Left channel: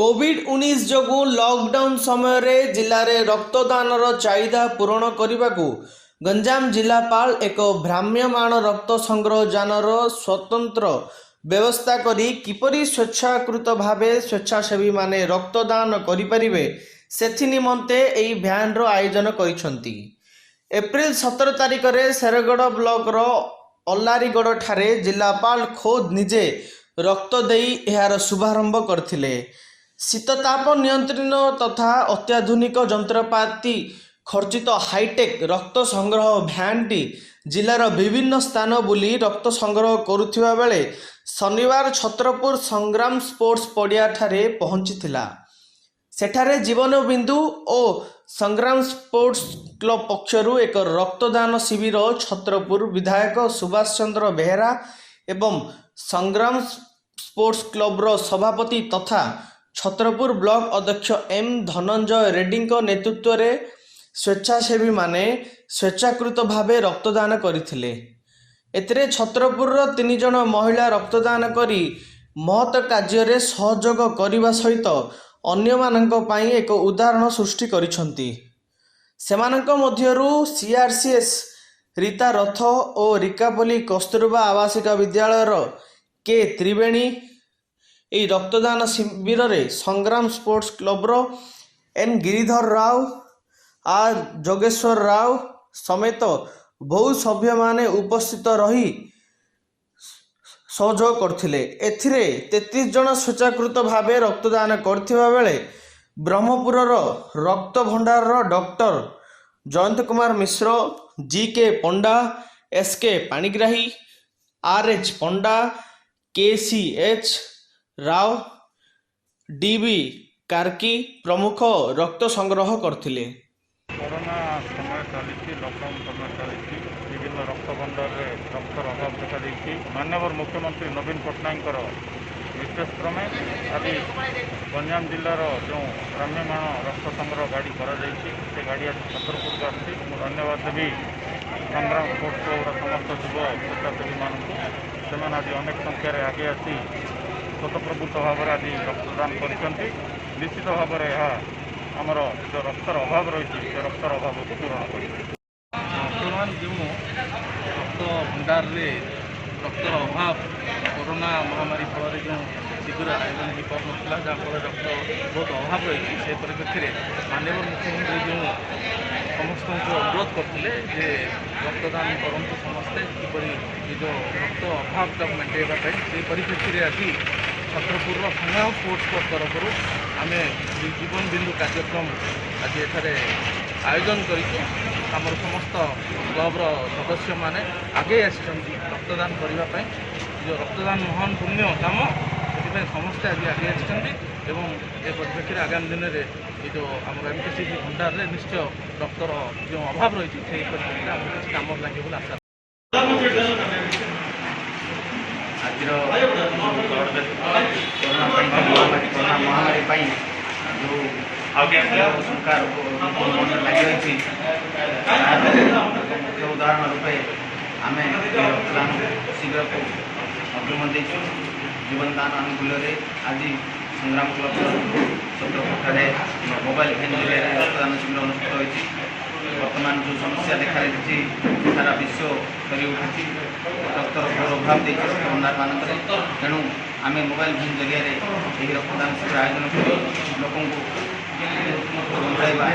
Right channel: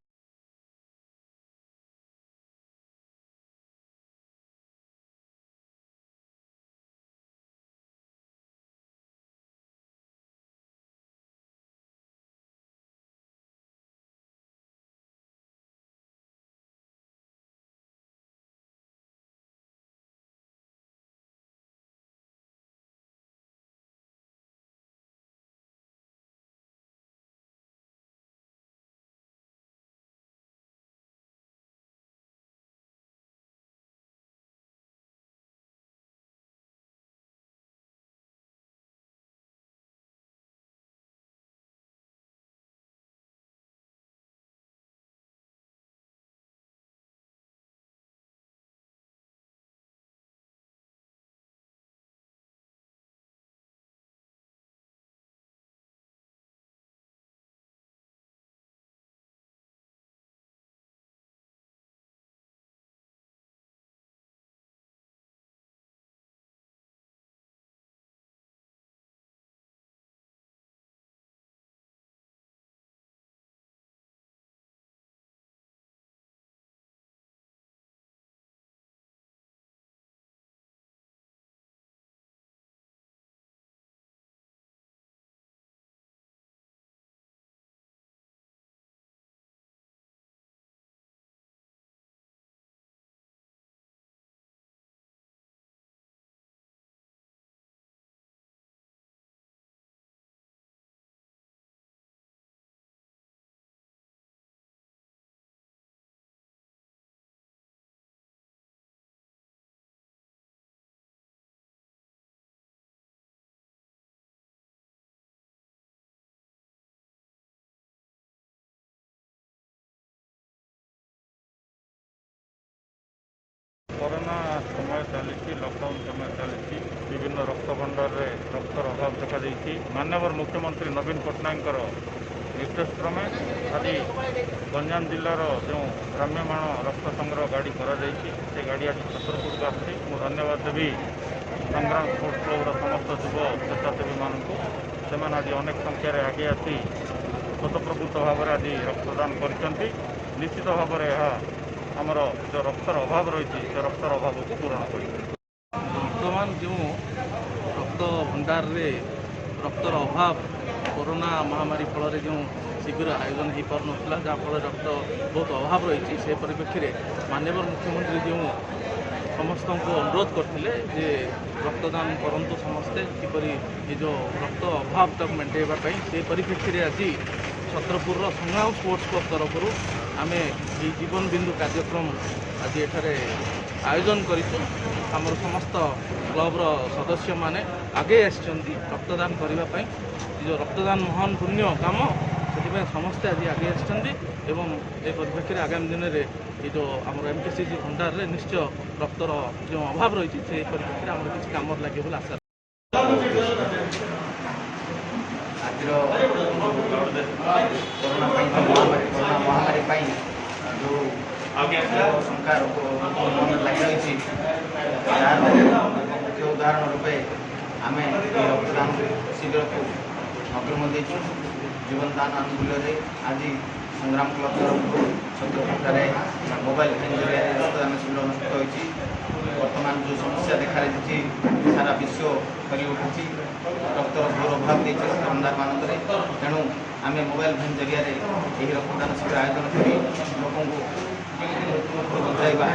कोविड-19 जोगु lockdown समय रे जिले में रक्तदान चाहिदा पूरण करने को गंजाम जिलापाल एक भ्राम्यमाण रक्त संग्रह जानर स्वतंत्र व्यवस्था करी किपरि स्वेच्छाकृत भावे स्वेच्छासेवी माने रक्तदान करिपारिबे सेथि निमंते एई भ्यान रो आयोजन करिसंती। एप्रिल 17 तारिख रे शेरगढ़ ब्लॉक रो अल्लारीगढ़ ठारे जिलापाल खोद निजे रक्त देई एहार शुभारंभ करथिले। शीतताप नियंत्रण तथा अत्याधुनिक जंत्रपाति खर्चित हाईटेक रक्त संग्रह भ्यानटी जिलार विभिन्न स्थान बुली रक्त संग्रह करुथिबा बेले शनिवार छत्रपुर संग्राम स्पोर्ट्स पड़िया ठारे पहुंचीथिला। सेठारे जीवन बिंदु और संग्राम स्पोर्ट्स क्लब पक्षरु एक रक्तदान शिविर छत्रपुर विधायक सुभाष चंद्र बेहेरा एवं संग्राम स्पोर्ट्स क्लब रो सभापति तथा छत्रपुर ब्लॉक अध्यक्ष एम धनंजय रेड्डी नेतृत्व रे स्वेच्छासेवी माने स्वेच्छाकृत भावे रक्तदान करथिले। एतरे छत्रपुर 3 जन महिला रक्तदान करी महत कार्य रे सहयोग करने सहित अन्य मानक पाई एक उदाहरण सृष्टि करिसंती। सेमानक मध्यरु सीआरसीएस रीता रथ और रिकापल्ली कस्तूरबा आवासिक विद्यालय के त्रिवेणी এই रक्तदान शिविर रे संग्राम स्पोर्ट्स क्लब रो एन गिरिधर राव आर जोगेश्वर राव समेत बहु सभ्य माने उपस्थित रही सहयोग करथिले। एथिरे 33 जन स्वेच्छाकृत भावे रक्तदान करथिबा बेले ब्रह्मपुर रक्त भंडार डॉक्टर जयंत कुमार मिश्र, जी.के. पंडा, एस.के. पाणिग्राही, आर.एच. पंडा, के.सी.एच. राव, डी.बी. कार्की प्रमुख रक्त संग्रह करथिले। कोरोना समय चली लॉकडाउन समय चली विभिन्न रक्त भंडार में रक्तर अभाव देखा देती माननीय मुख्यमंत्री नवीन पट्टनायक विशेष क्रमे आज गंजाम जिलार जो भ्राम्यमाण रक्त संग्रह गाड़ी से गाड़ी आज छतरपुर को आसी धन्यवाद देवी संग्राम स्पोर्ट्स क्लब्र समस्त युव स्वेच्छासेवी मानू से आज अनेक संख्यार आगे आसी स्वतःप्रभुत भाव में आज रक्तदान कर निश्चित भाव में आमर जो रक्तर अभाव रही से रक्तर अभाव को पूरण कर वर्तमान जो रक्त भंडार रे रक्तर अभाव कोरोना महामारी फल जो शिविर आयोजन हो पार ना जहाँफल रक्त बहुत अभाव रही से परिप्रेक्षी में माननीय मुख्यमंत्री जो समस्त को अनुरोध करते जे रक्तदान करूँ समस्ते किपरि जो रक्त अभाव तक मेटाइवाई से परिप्रेक्षी में आज छत्रपुर संग्राम स्पोर्ट्स क्लब तरफ आम जीवन बिंदु कार्यक्रम आज एठारे आयोजन करूँ। आमर समस्त क्लब्र सदस्य माने आगे रक्तदान करने जो रक्तदान महान पुण्य काम से समस्ते आज आगे आसुँच परिप्रेक्षी में आगामी दिन में ये जो आम एमकेसीजी भंडार में निश्चय रक्तर जो अभाव रही से परिप्रेक्षी में आम किसी कम लगे बोली आशा महामारी जो शंका मन लगी मुख्य उदाहरण रूपे आम रक्तदान शिविर को अग्रिम देचु जीवनदान अनुकूल आज संग्राम क्लब छत्रपुर मोबाइल फैन जरिए रक्तदान शिविर अनुष्ठित होती। वर्तमान जो समस्या देखा देती सारा विश्व कर उठी रक्तर घोर अभाव देखिए भंडार मानक तेणु आम मोबाइल फैन जरिए यही रक्तदान शिविर आयोजन कर लोक बचाइबा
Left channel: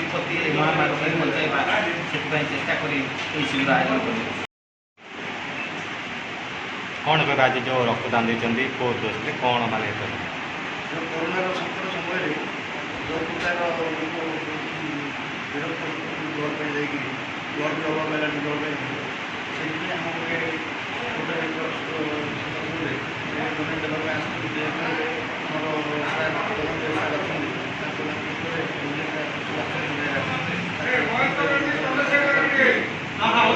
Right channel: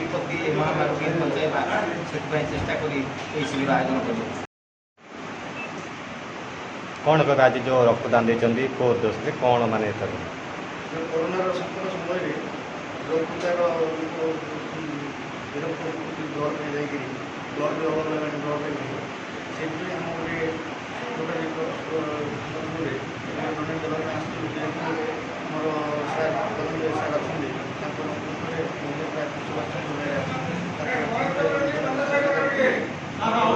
विपत्ति महामारी बचाइबा से चेष्टा कर शिविर आयोजन कर कौन कह आज जो रक्तदान देते को दोष कौन माने जो कोरोना संकट समय जो प्रकार ब्लड अभाव है ब्लड से आम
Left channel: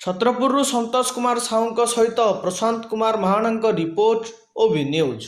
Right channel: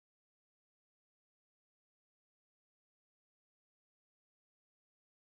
छत्रपुर संतोष कुमार साहू सहित प्रशांत कुमार महाना रिपोर्ट ओबी न्यूज।